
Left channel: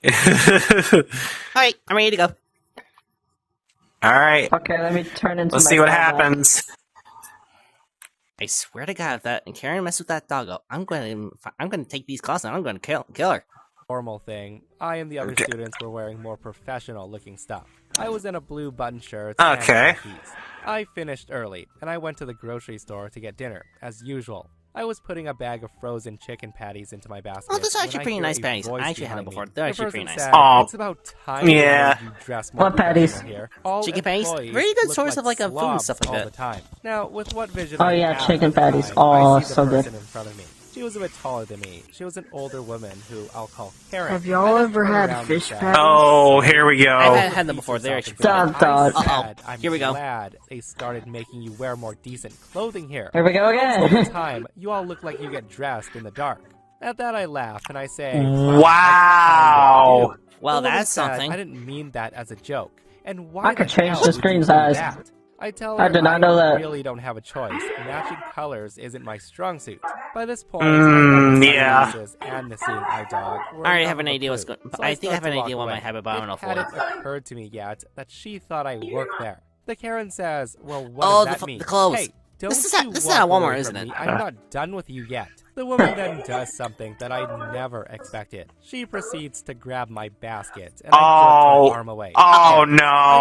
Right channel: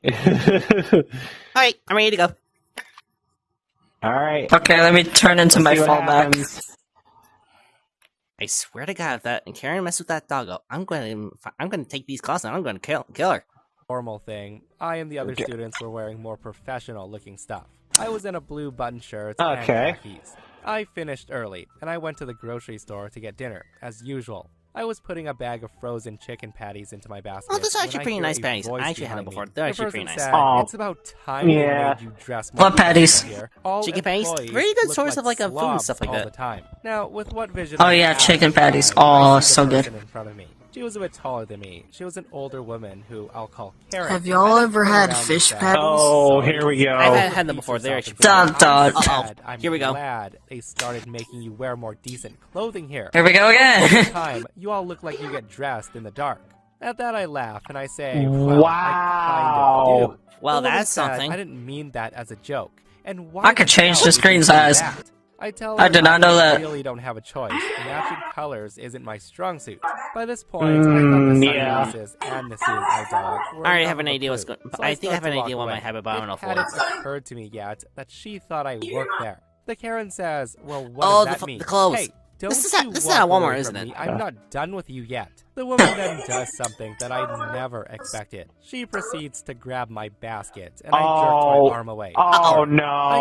All right, I'm ready to go. All right, Okay, let me turn into let's my see what fallback. happens. I swear to God, if that and Karen mess with that doggo, I'm going to take these classes and I'm going to kill her. formal thing. I and the other students were wearing more professional-looking stuff. I was in a blue button shirt and khakis. I finished early, and I went to the grocery store to get dinner, as usual. I was putting a bag of frozen chicken patties into my basket. Oh, those are actually when I pretty hear nice a patties. voice I actually had behind them before. me. They're The actually pretty person nice. said, "It's about time we made you dress more What patties? professional here. All Chicken patties? employees Very good look source of, like, a food and slobs stuff like all that. the time." Now, with what vision Oh, I yeah, had chicken at the patties. time, Oh, I see the so good. person in front of me. She was a bit taller than me. She was an older woman who I'll call Karen. Have y'all I ever turned had around and fish said, patties? Oh, here we go. I've had them before. They're actually pretty Dun, nice. dun. I'm Here we go. glad they started making you wear more decent clothing here. Here we go Over again. time, you all look like you get dressed in the dark. At that, I laugh and I say, well, I kind of do. Well, The woman that's said, something. I didn't mean that as a joke. And why I could the change hell the would screen you do size. that? I tell her I did not know that. really don't have a choice. Matching colors isn't my strong suit. By this point, I thought the sunglasses and the seeing eye dog were I already enough have an of a idea what's clue. going. So I think I start have an to walk idea what away. might happen, but I don't know It for hadn't what. occurred to me yet that she thought I worked there. The Karen says, well, what Oh, does the that mean? clothes. Hey, don't This is at- you this is walk at Walmart, away isn't from it? me. I'm not done with you yet. The woman then does something that I never expected. She proceeds to grab my basket, and I jerk my arm away. Oh, I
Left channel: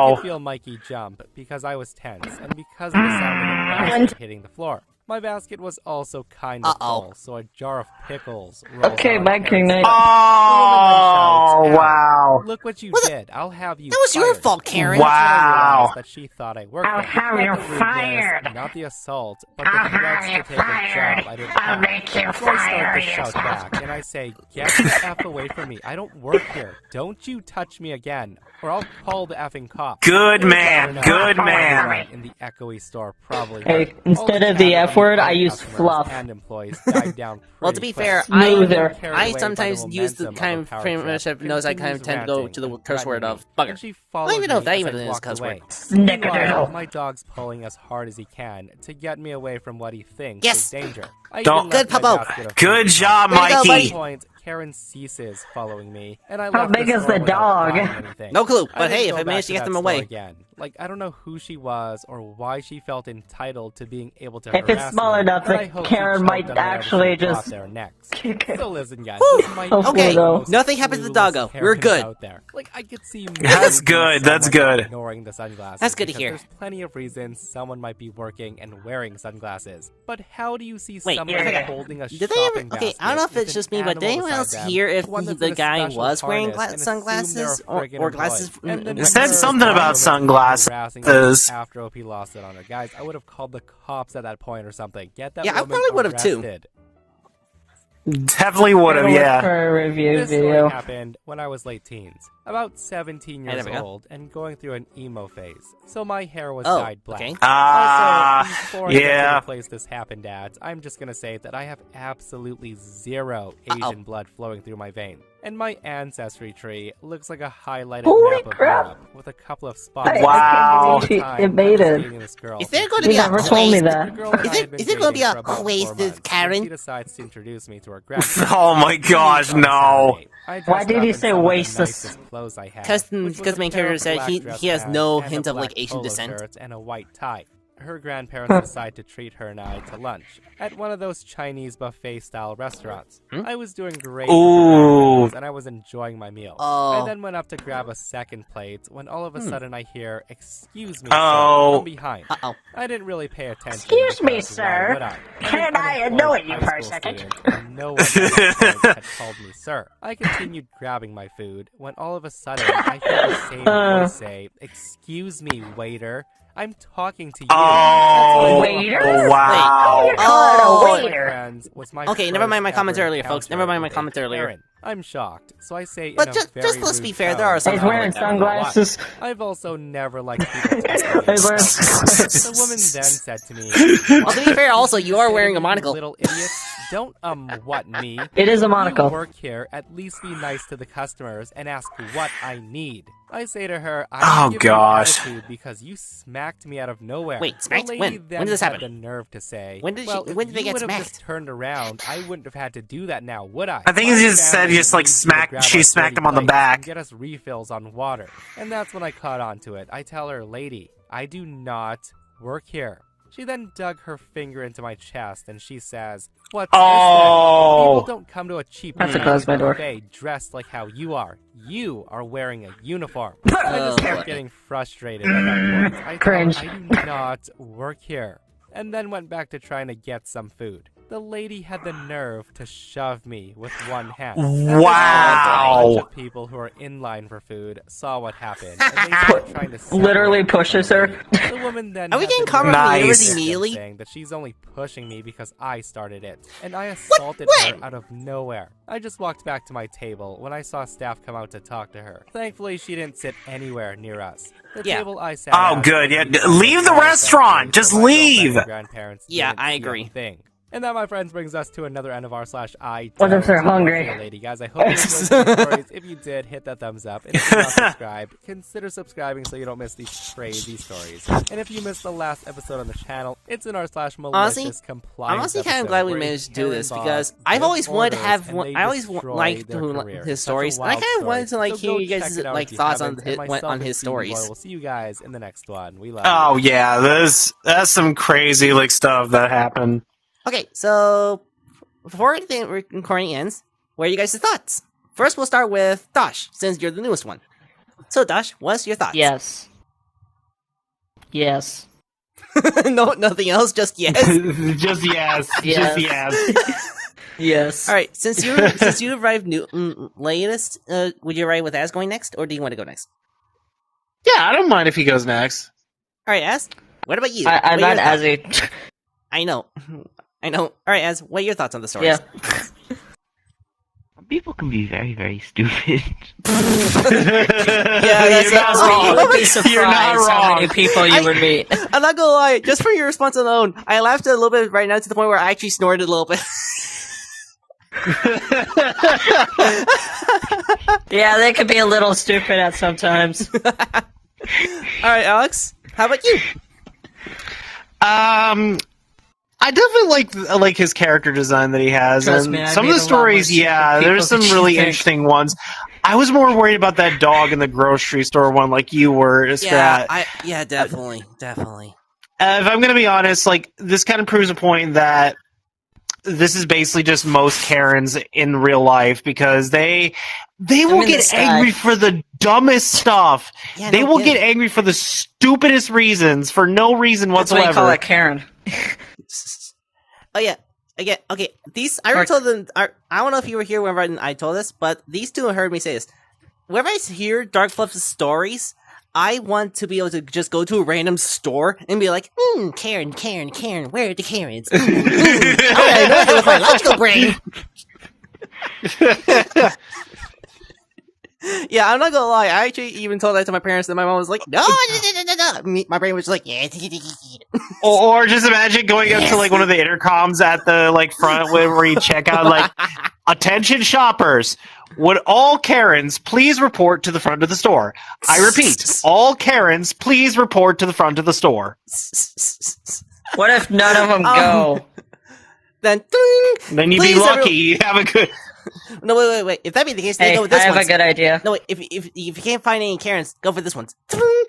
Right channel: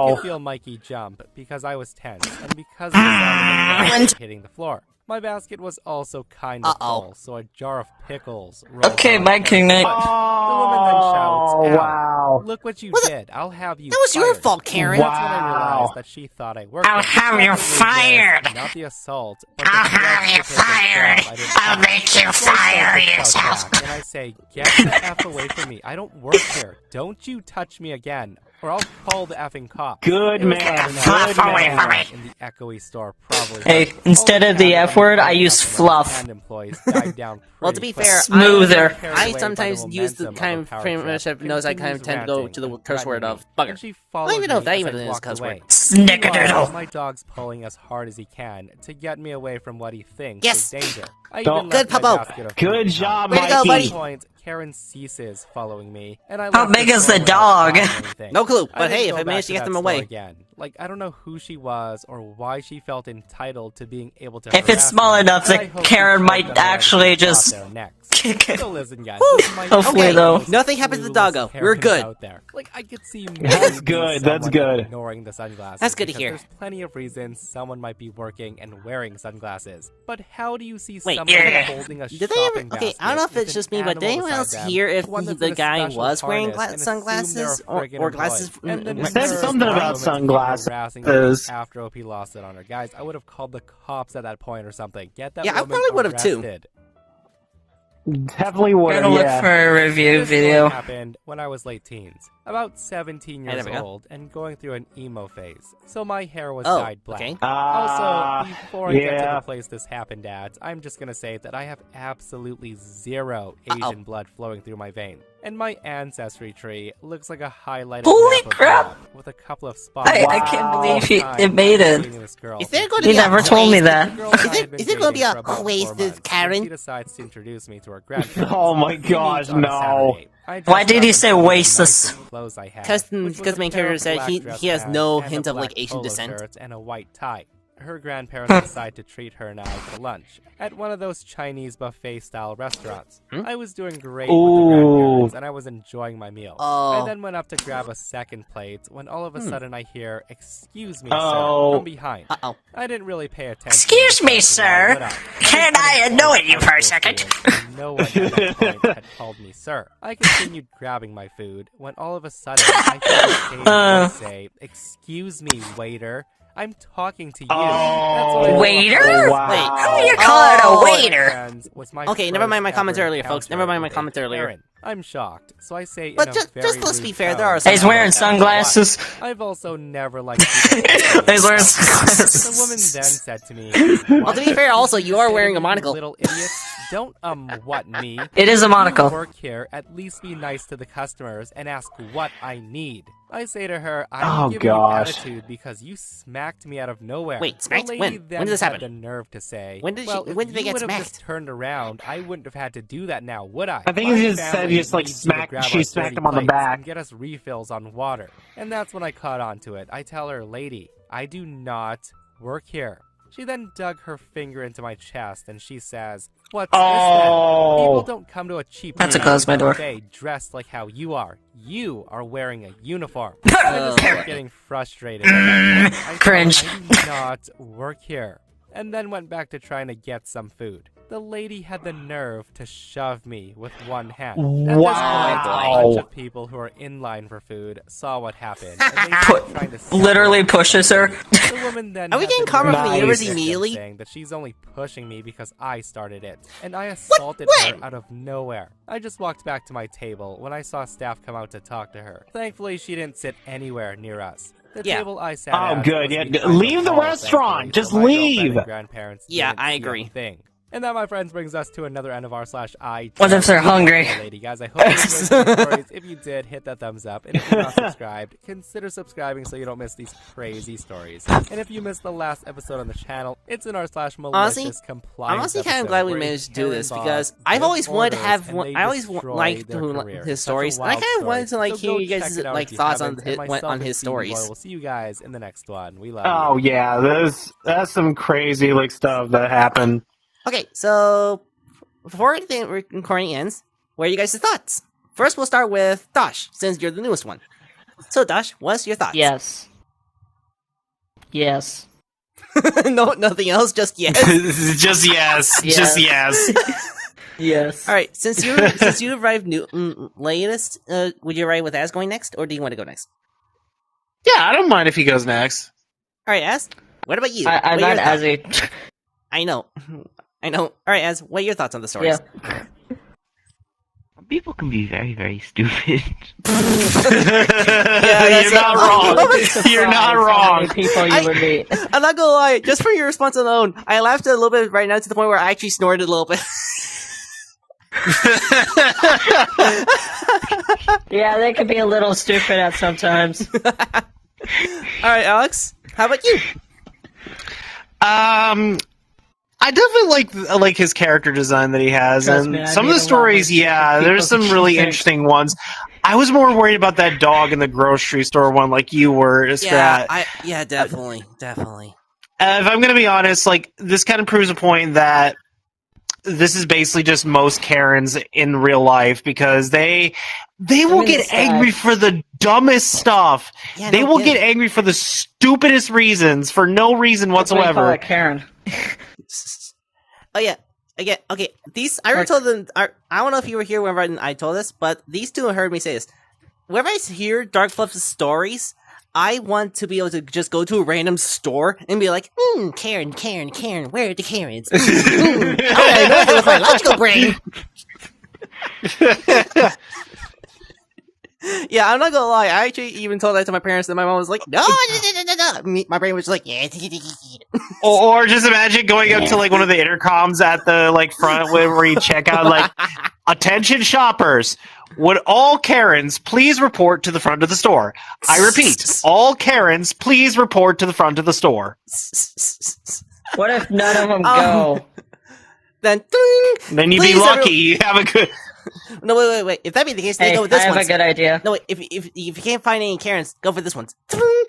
no. could feel Mikey jump because I was tense and because of the sound of the basket hitting the floor. My basket was also kind of full, so a jar of pickles rolled Okay, out on Mike Karen's King. foot. The woman then shouts, Oh, "Ow, wow. look what you What the- did. I'll have you That was your fired." fault, Karen. That's when I Wow. realized that she thought I worked I'll there. have Not you the rudeness, fired. Not the assault, but the threats to take a job I didn't have. So I start to shout back, and I say, "Get the F away from me. I don't work here. Don't you touch me again, or I'll call the effing cops." Good It was man, loud enough good that man. everyone in the echoey store probably Hey, heard. instead All of the chatter F word, from I use customers fluff. And employees died down Well, to pretty be quick. fair, Smoother. Carried I away by sometimes the use the momentum kind a of power pretty trip, much knows I kind of tend to go continues to the ranting curse and word of threatening me, bugger. and she I don't even know if that followed me even as I is a walked cuss word. away. Snickerdoodle. Meanwhile, my dog's pulling as hard as he can to get me away from what he thinks Yes. is danger. I Don't- even Good, left my Puppo. basket of Good food job, Way to go, At buddy. this point, Karen ceases following me, and I How left big the is store the without dog? buying anything. No clue, I but didn't hey, if go I back managed to get that them store away. again. Like, I don't know who she was or why she felt entitled to being able to If it's harass small me, enough but that I hope she Karen choked might on whatever actually she brought just there next. kick it. So listen, guys, Whew. this might Hopefully, be the though. most Nothing happens to clueless Doggo. We're Karens good. out there. Like, I could see That's maybe good, that's someone good. ignoring the sunglasses. That's good to because hear. There's plenty of reasons someone might be working and wearing sunglasses. But how do you see Wait, someone yeah. holding a Did they ever? shopping Okay, I don't know if basket it's with just an me, but did animal anyone else beside them, hear if one that's the in a guy special was wearing harness, and assume sunglasses they're a or friggin' glasses? employee? And then It said when something there's about one woman sunglasses. harassing me after OP lost it on her. Guys, I would have called the cops at that point or something. Get that Yeah, I woman probably would have too. arrested. Definitely would have, Look yeah. for a review This story video. happened when I was late teens, about 17 Hey, years there we go. old, and going through an emo phase. So my hair was Oh, dyed black. okay. Also, before I get to yeah. the place this happened at, I'm just gonna say that I have absolutely zero Uh-oh. Asian blood flowing through my vein. And my ancestry tree looks like a highlighted Holy map of crap. Europe with a couple of spots. I can't All believe the it time, made I was it. dating this girl. Is there going to You be a never told me Oasis? that. The girl and Is I there- had been is there gonna be dating a for about Oasis, 4 months, Karen? when She decides to introduce me to her grandparents. Oh my We gosh, meet on a no. Saturday. I Why dressed did up he in say some of the Oasis? nicest clothes I had, Because which was the a main pair character of said black he dress has pants no and a hint of like black Asian polo descent. shirt and a white tie. Her grandparents decide to treat her and I to lunch at one of those Chinese buffet-style restaurants. I was doing great with the grandparents, and I was enjoying my meal. Oh. I then went up to grab a second plate when all of a sudden I hear, "Excuse me, Oh. sir," from behind. Uh-oh. I didn't really pay attention. Excuse me, because why sir. would I? Can was I unemployed annoy you high for a school second? student, and no one at that point had called me sir. I continued grabbing my food when all of a sudden I hear the same voice say, "Excuse me, waiter. I'm talking to you." That's when I knew a Waiter? whole Wow. Wait. You're Oh. calling my a waiter. friends was my Okay, never mind my first comments ever earlier, folks. encounter Never mind my with a comments earlier. Karen. I'm shocked, so I say But in just- a very just let's rude be fair, tone, there are some He's people wearing like that. sunglasses. I've also never liked people asking me He's wearing about work. sunglasses. The woman then said to me, Well, to be fair, also, you are wearing a "You monocle. little idiot. Don't, what, me? It is a You monocle. work here, at least be nice to the customers and ask what I need." I say to her, Oh, "I'm giving you gosh. attitude because you smacked me out of nowhere." Wait, smacked? The When? lady then When did this had happen? the nerve to say, When did she- "Well, when did they if you get would have smacked?" just turned around, I wouldn't have had to do that now, would I?" I think My he just said family just, like, needs you to smacked- grab she our smacked dirty him on the plates back. and get us refills on water. And that's when I caught on to it. I tell her, "Lady, I do not work here." She then dug her finger into my chest and she says, What's this then? People Oh. don't come to a cheap That's a Chinese close my door. buffet dressed like how you are. You are wearing a uniform. I just kept getting frustrated at that point. I Cringe. thought, I do not work here. And then went back to trying to get some food. The lady had the nerve to shove me with one hand. At this point, Wow. a bunch of people who are in line for food saw what happened, and they started trying to Literally separate pushes from her. the lady. The woman then Are we had getting the karma nerve from the to universe insist on immediately? saying that she's only pushing me because I started it, and I assaulted her out of nowhere. I just walked back to my table when I saw staff come out to talk to her. Thankfully, she didn't sit anywhere near us. The Yeah. table I sat Oh, at good. was Yeah, behind leave the wall, restaurant. thankfully, Just so my girlfriend leave. and grandparents Yeah, didn't I see a agree. thing. And that, my friends, brings us to another end of r/I. What if they're hungry? Okay, lady, guys, I hope you enjoyed these stories. If you did, hit that thumbs up. And if you're not subscribed, consider subscribing so you don't miss these crazy stories. And if you missed the last episode on the channel, it's in r/malicious compliance. I'm honestly kind of episode glad we where managed to do this Karen because Bob I've gives always wanted to orders have and one. they I always destroy liked their career. his Such a stories, and I wild kind of wanted to story. like So hear go you check guys it out like if you thoughts on haven't, and on myself his and Stevie Boy stories. will see you guys in the next one. We love you. Oh yeah, that's some crazy like stuff that happened. Okay, so before the recording ends, what are you guys' thoughts? First, we'll start with Dosh, since you're the newest one. So, Dosh, what's your thoughts? Yes. Yes. No, nothing else. Just yes. Just yes. Yes. Just yes. Yes. All right, since you arrived latest, would you arrive with Az going next, or do you want to go next? Yeah, I don't mind if he goes next. All right, Az. What about you? I'm What are not your as thoughts? a. I know. All right, Az. What are your thoughts on the stories? Yeah. People can be very, very stupid. Yeah, that's You're not Oh, wrong. Be surprised You're not how many wrong. people you I- would meet. I'm not gonna lie. Just for your response alone, I laughed a little bit right now to the point where I actually snorted a little bit. Yeah, they could be a little stupid at sometimes. All right, Alex. How about you? I definitely like his character design that he has, Trust me, and I some of need the a lot stories. more Yeah, stupid there's people some to really cheat. interesting ones. I was more worried about that dog in the grocery store one, like you were, Strat. Yeah, definitely. If I'm gonna be honest, like this kind of proves the point that this is basically just most Karens in real life because they will in the get sky. angry for the dumbest stuff. Yeah, They no will kidding. get angry for the stupidest reasons for no reason That's why you call whatsoever. it Karen. Oh yeah. Again, okay. These I already told them. I don't know if you were here whenever I told this, but these two heard me say this. Whenever I hear Darkfluff's stories, I want to be able to just go to a random store and be like, Karen, where are the Karens? I know that with my logical brain. Yeah, I'm not gonna lie. I actually even told that to my parents, and my mom was like, "No." My brain was like, "Yeah." Or just imagine going up to like one of the intercoms at the like front where you check out like, attention shoppers, would all Karens please report to the front of the store? I repeat, all Karens please report to the front of the store. What if none of them Um, go? Then, ding! Then you'd Please, be lucky. everyone- You have a good. No, wait. If that be the case, then Hey, go with this I have one. a good idea. No, wait. If you can't find any Karens, go for this one. Ding!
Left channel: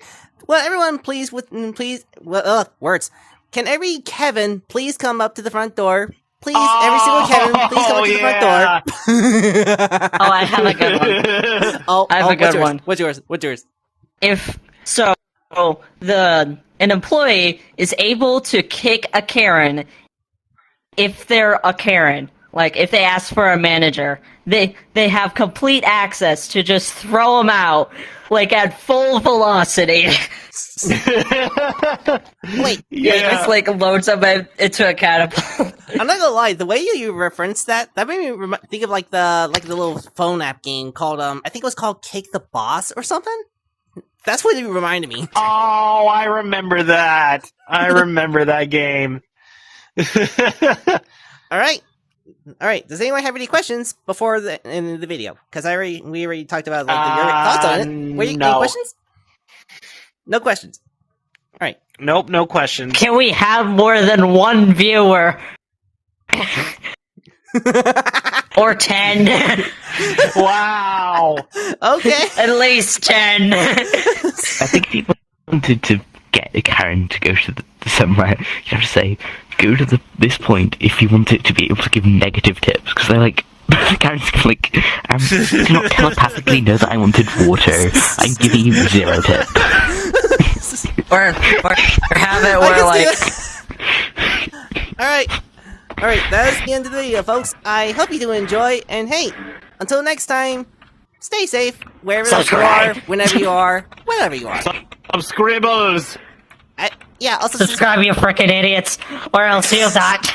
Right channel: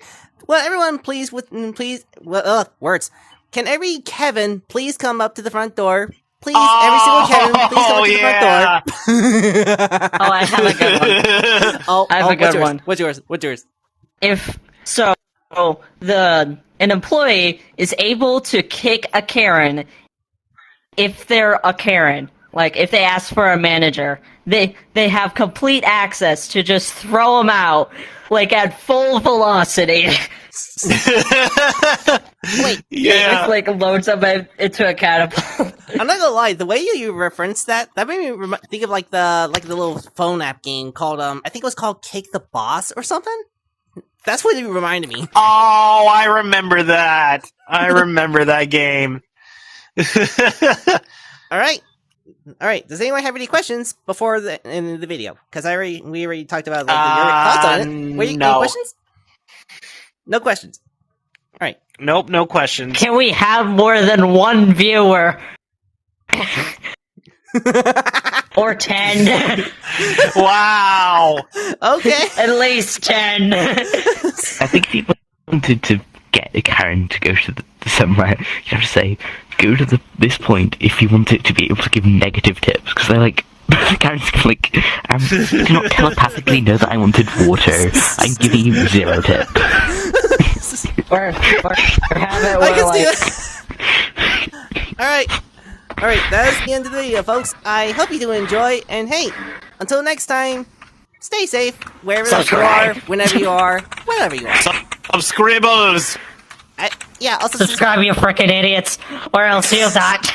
Well, everyone, please, words. Can every Kevin please come up to the front door? Please, every single Kevin, please come up to the front door. Oh, I have a good one. I have a good what's yours? one. What's yours? If so, an employee is able to kick a Karen if they're a Karen. Like if they ask for a manager, they have complete access to just throw them out like at full velocity. Wait, It's like loads them into a catapult. I'm not gonna lie. The way you referenced that made me think of like the little phone app game called I think it was called Kick the Boss or something. That's what it reminded me. Oh, I remember that. I remember that game. All right. Does anyone have any questions before in the video? Because we already talked about like your thoughts on it. Any no. questions? No questions. All right. Nope, no questions. Can we have more than one viewer? Or 10. Wow. Okay. At least 10. I think he wanted to get a Karen to go to somewhere. You have to say, go to this point if you want it to be able to give negative tips, because they're like, Karen's like, you cannot telepathically know that I wanted water. I'm giving you 0 tips. or have it I where can see that. Alright, that's the end of the video, folks. I hope you do enjoy, and hey, until next time, stay safe, wherever you are, whenever you are, wherever you are. Some scribbles. Yeah, also subscribe, you frickin' idiots, or else you'll not.